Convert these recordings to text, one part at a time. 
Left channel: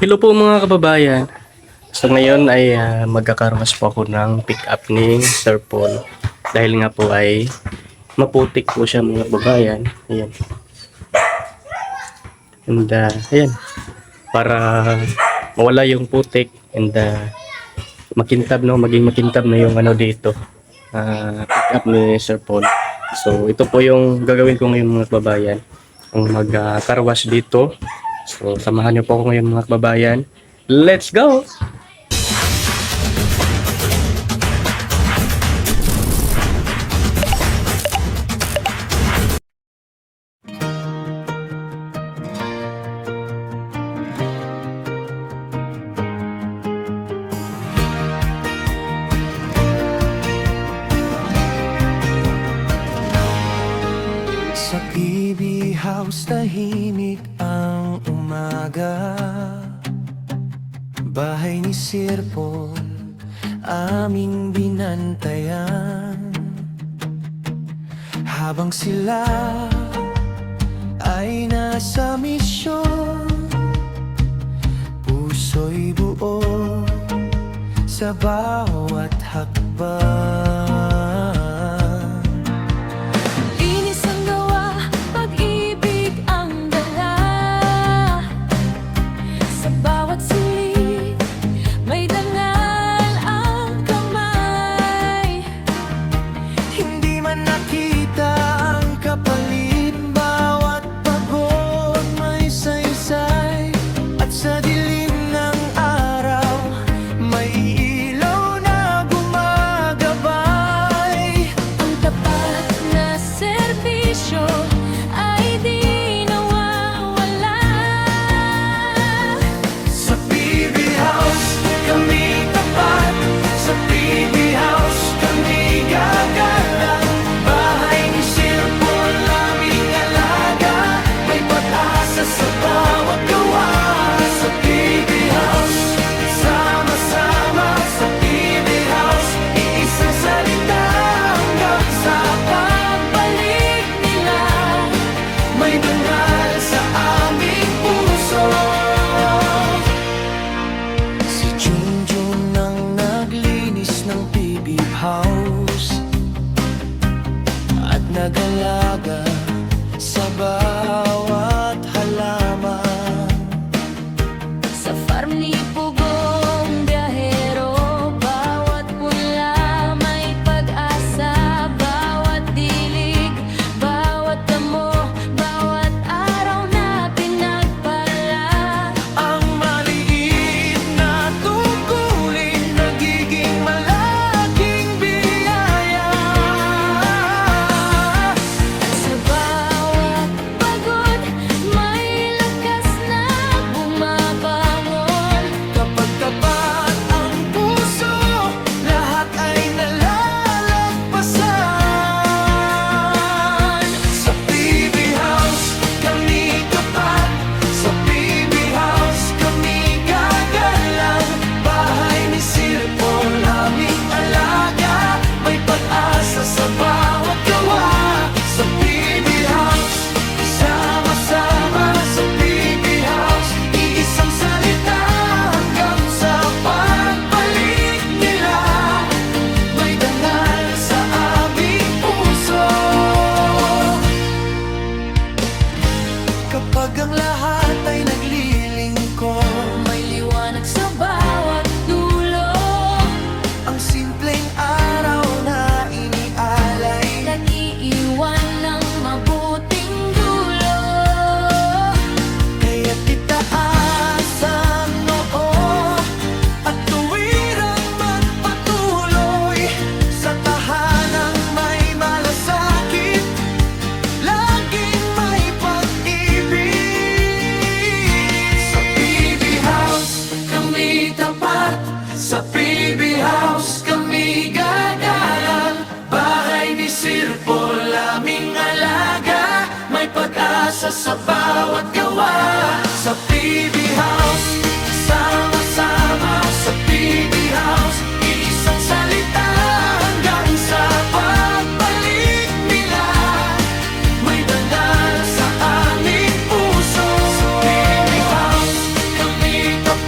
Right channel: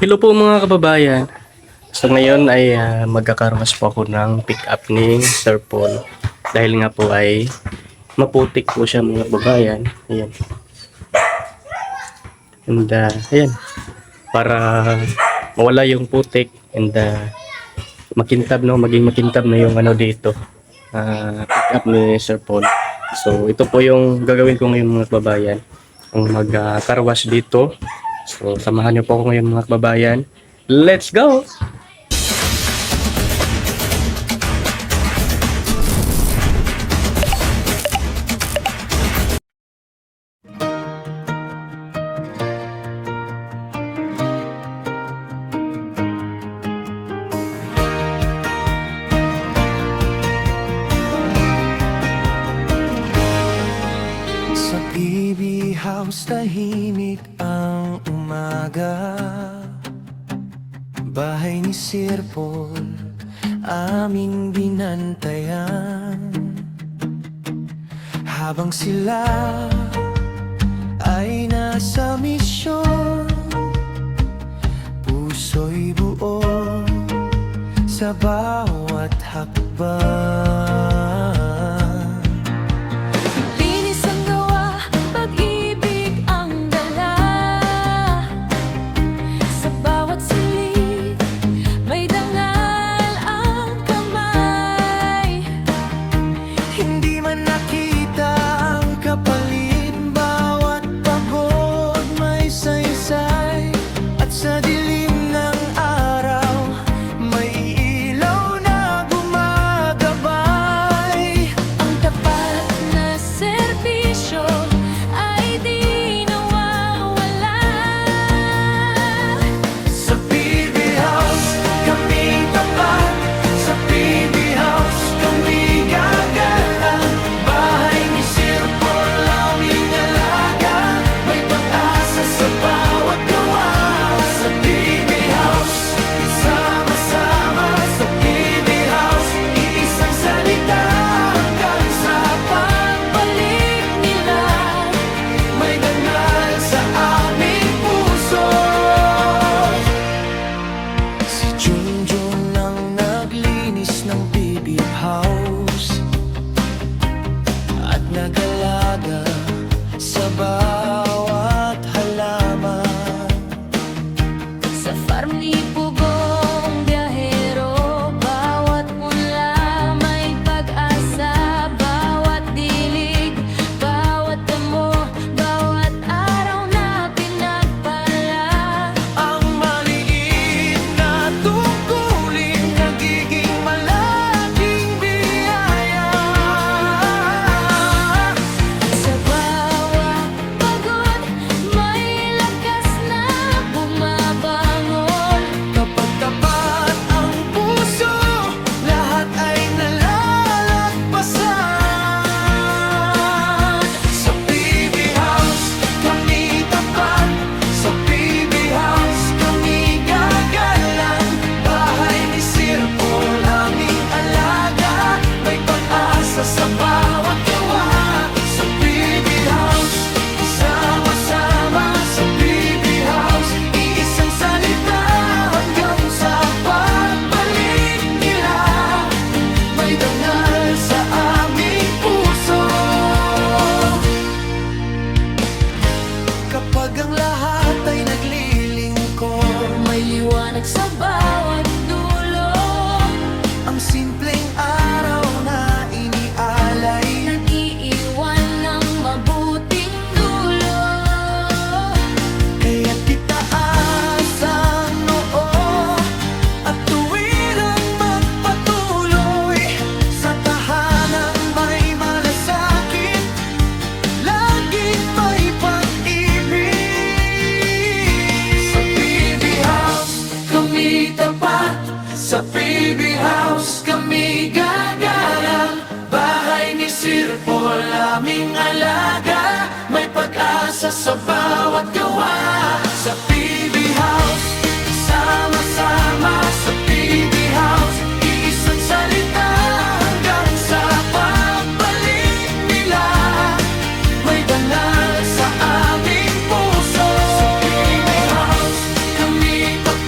Hello po mga kababayan. So ngayon ay magkakarmas po ako ng pick up ni Sir Paul. Dahil nga po ay maputik po siya mga kababayan. Ayan. And ayan. Para mawala yung putik and makintab no, maging makintab na yung ano dito. Pick up ni Sir Paul. So ito po yung gagawin ko ngayon mga kababayan. Ang mag-carwash dito. So samahan niyo po ako ngayon mga kababayan. Let's go! Sa PB House tahimik ang umaga. Bahay ni Sir Paul aming binantayan. Habang sila ay nasa misyon, puso'y buo sa bawat hakbang. Sa dilim ng araw, may ilaw na gumagabay. Ang tapat na serbisyo ay di nawawala. Sa PB House, kami tapat. Sa PB House, kami gagalang. Bahay ni Sir Paul, aming alaga. May pag-asa sa bawat gawa. Sa PB House, sama-sama. Sa PB House, iisang salita hanggang sa Pagbalik nila, may dangal sa aming puso. Si Junjun ang naglinis ng PB House at nagalaga sa bawat halaman. sa farm ni Pugong biyahero, bawat punla may pag-asa. Bawat dilig, bawat damo, bawat araw na pinagpala. Ang maliit na tungkulin nagiging malaking biyaya. At sa bawat pagod, may lakas na bumabangon. Kapag tapat ang puso, lahat ay nalalagpasan. Sa PB House, kami tapat. Sa PB House, kami gagalang. Bahay ni Sir Paul, aming alaga. May pag-asa sa bawat gawa. Sa PB House, sama-sama. Sa PB House, iisang salita hanggang sa pagbalik nila. May dangal sa aming puso. Kapag ang lahat ay naglilingkod, May liwanag sa bawat dulo, ang simpleng araw na inialay. nag-iiwan ng mabuting dulo. Kaya't itaas ang noo at tuwirang magpatuloy sa tahanang may malasakit. Laging may pag-ibig. Sa PB House, kami tapat. Sa PB House, kami gagalang. Bahay ni Sir Paul, aming alaga. May pag-asa sa bawat gawa. Sa PB House, sama-sama. Sa PB House, iisang salita hanggang sa pagbalik nila. May dangal sa aming puso. Sa PB House, kami tapat.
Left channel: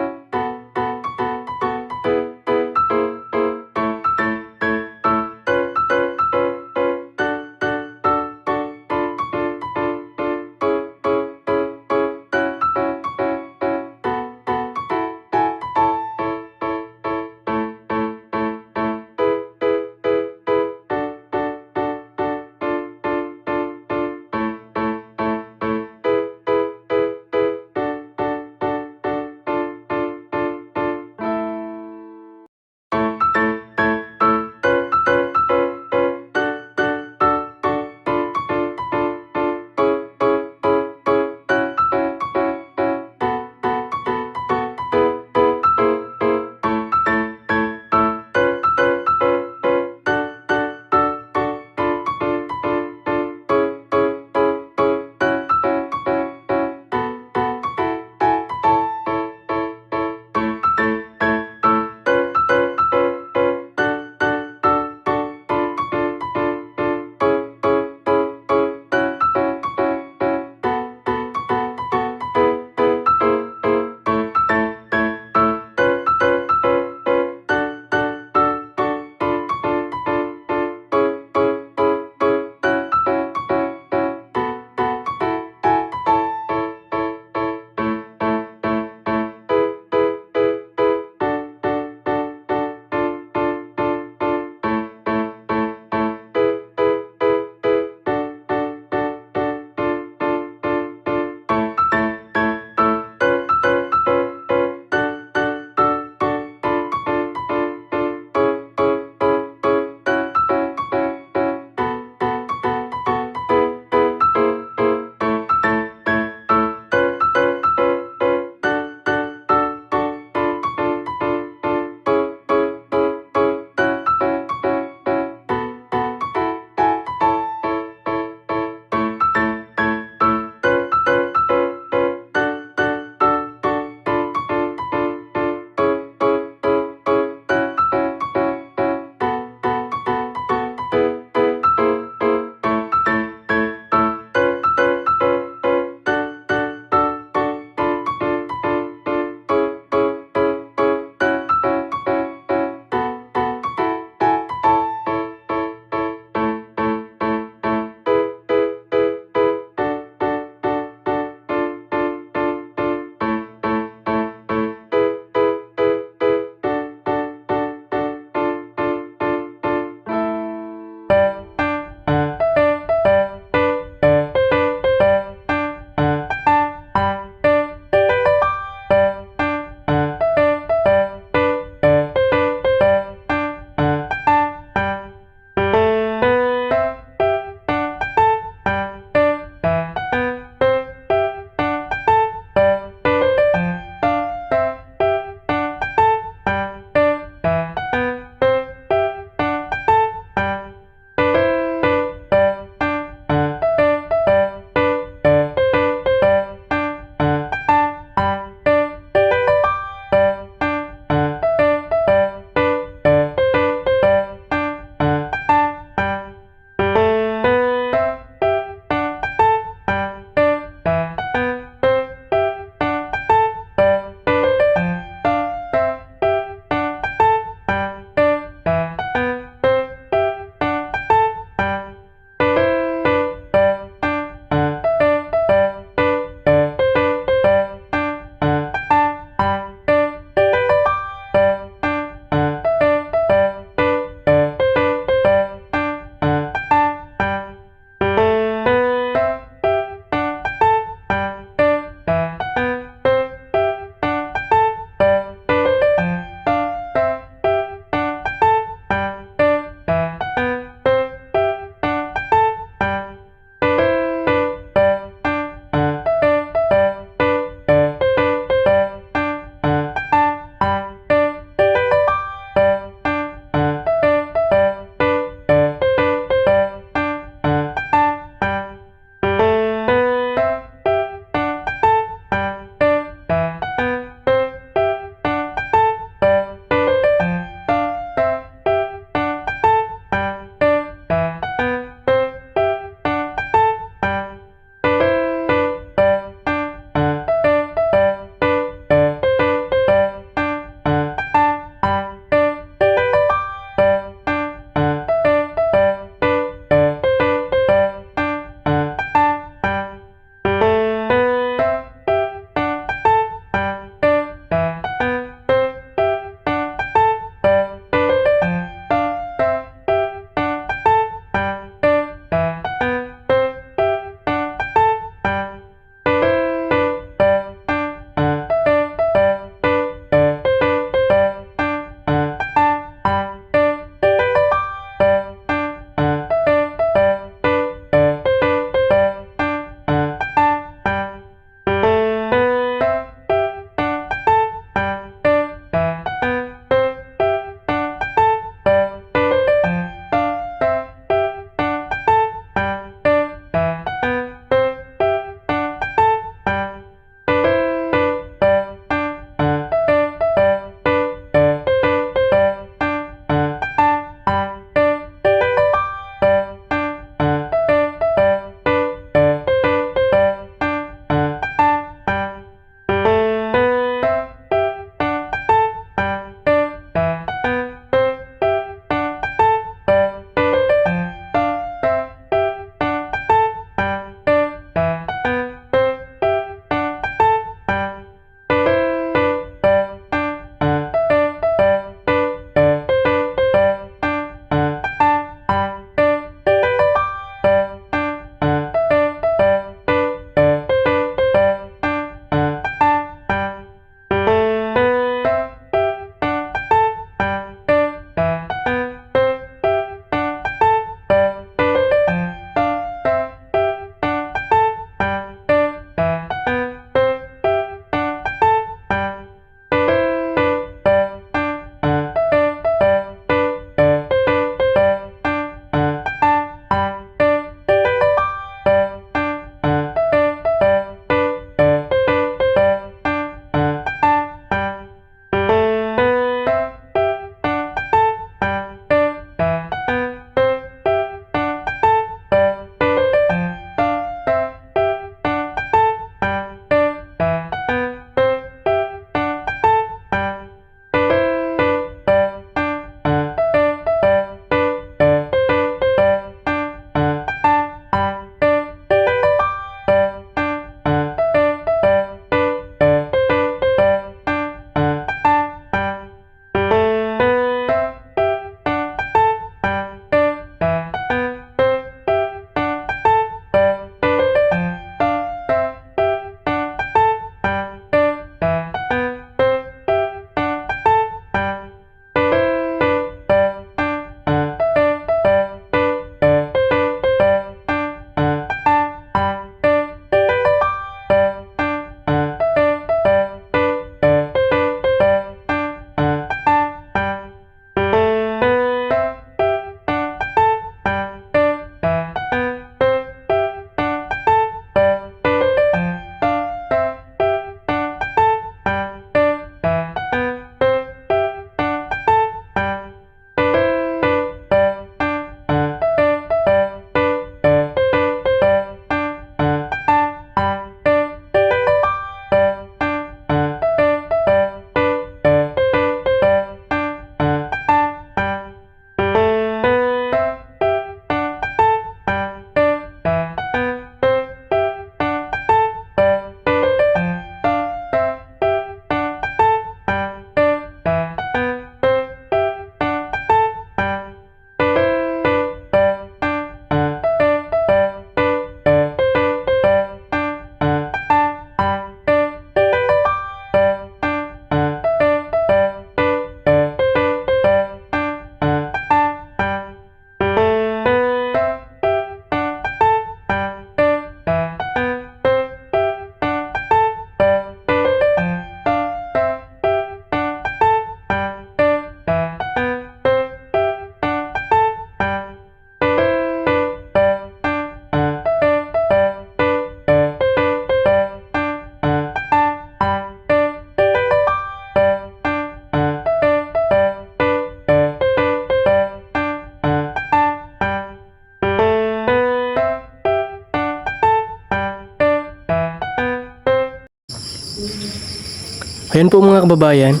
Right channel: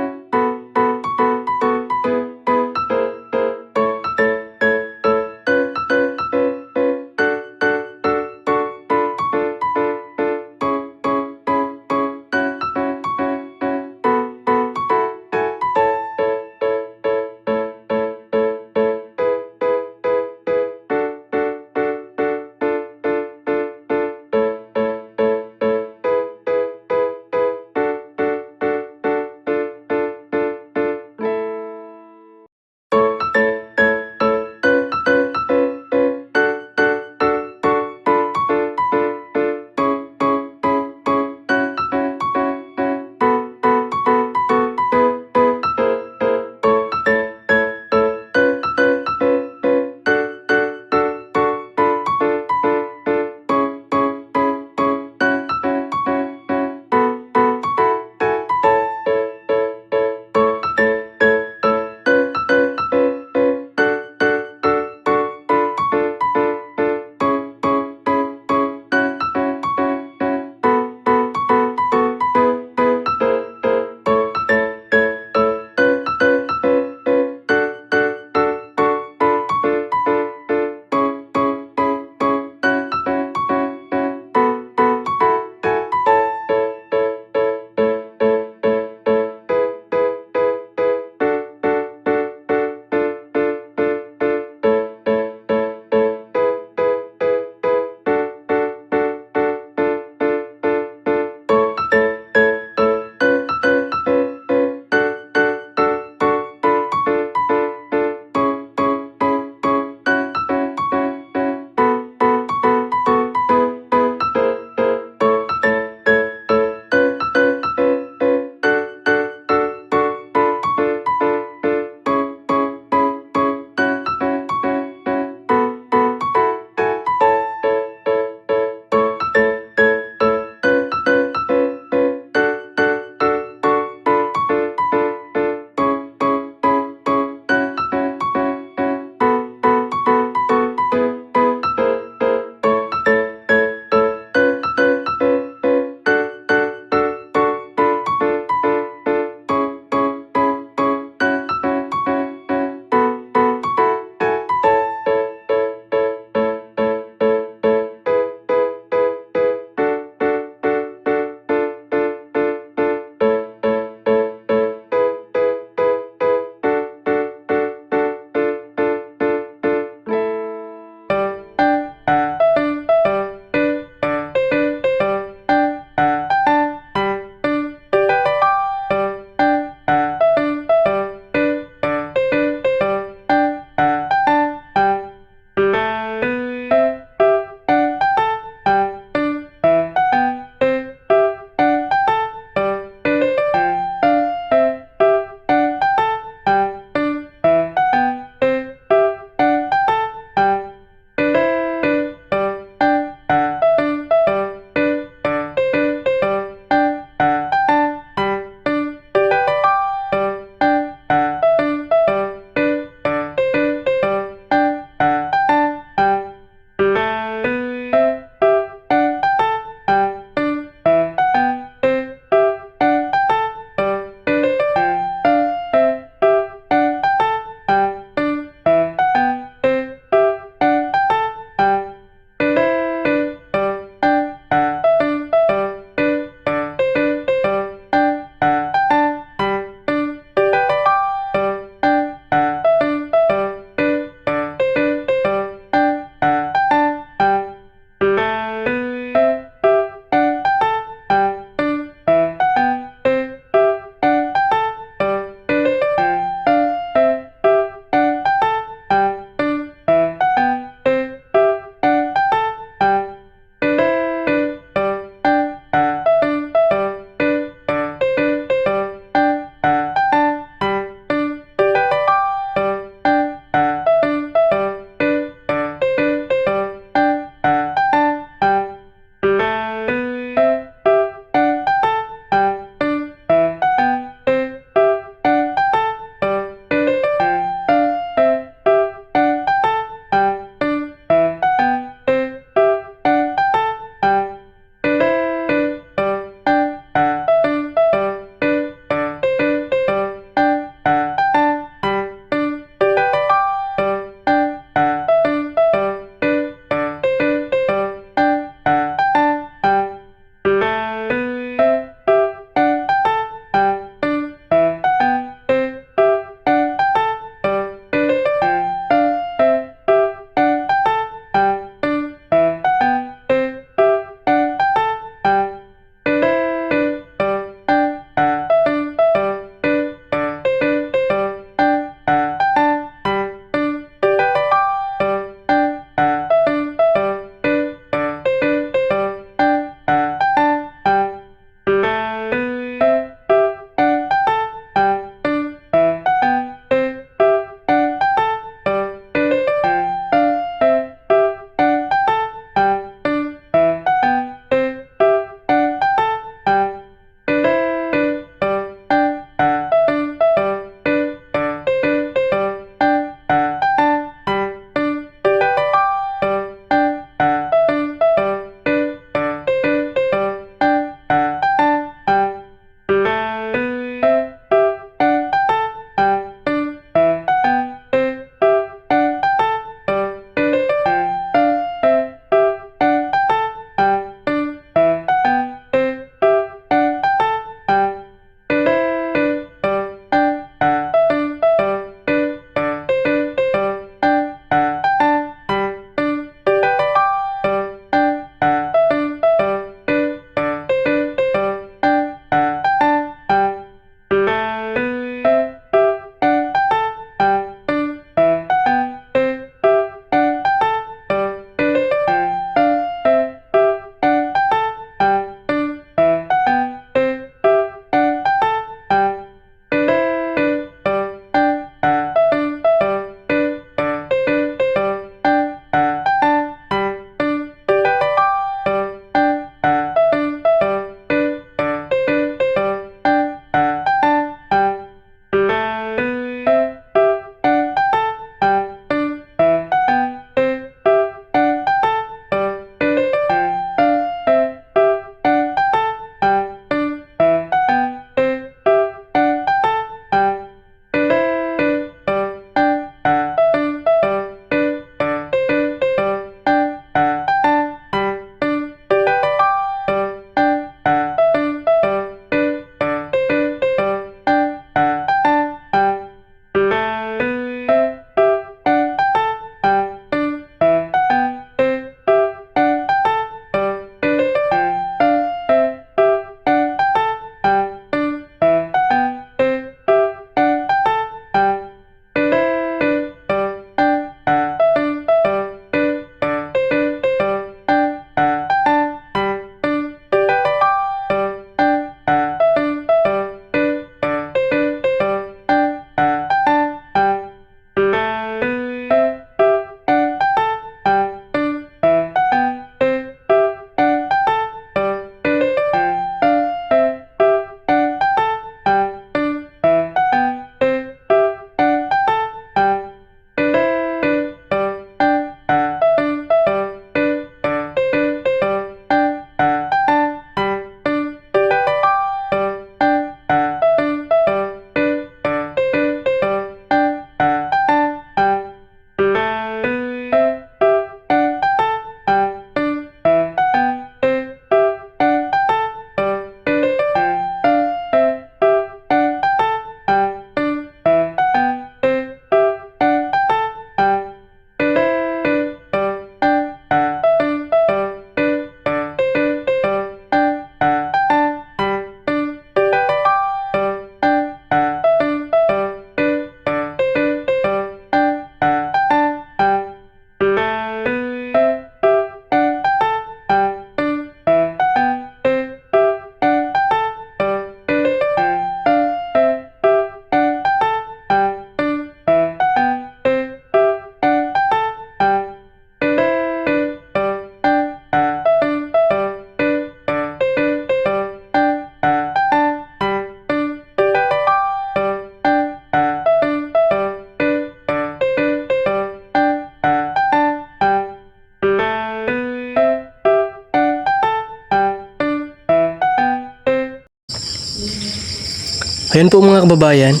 Ayan po mga kababayan.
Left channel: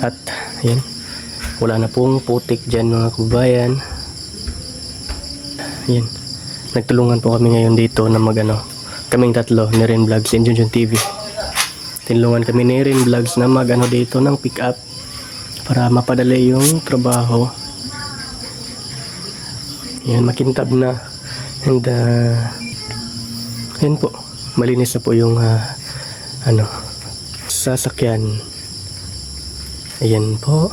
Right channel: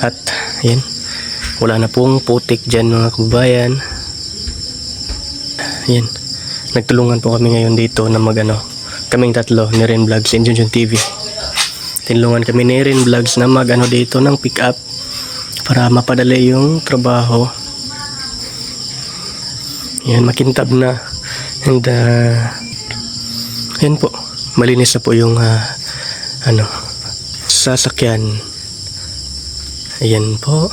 At ayan, wala na pong putik dyan mga kababayan. Ayan, nagtulungan po kami ngayon dito na kaming tatlo ni Ren Vlogs and Junjun TV. Tinulungan kami ni Ren Vlogs na dito ng pick up para mapadali yung trabaho. Ayan, makintab na. And ayan po, malinis na po yung sasakyan. Ayan po.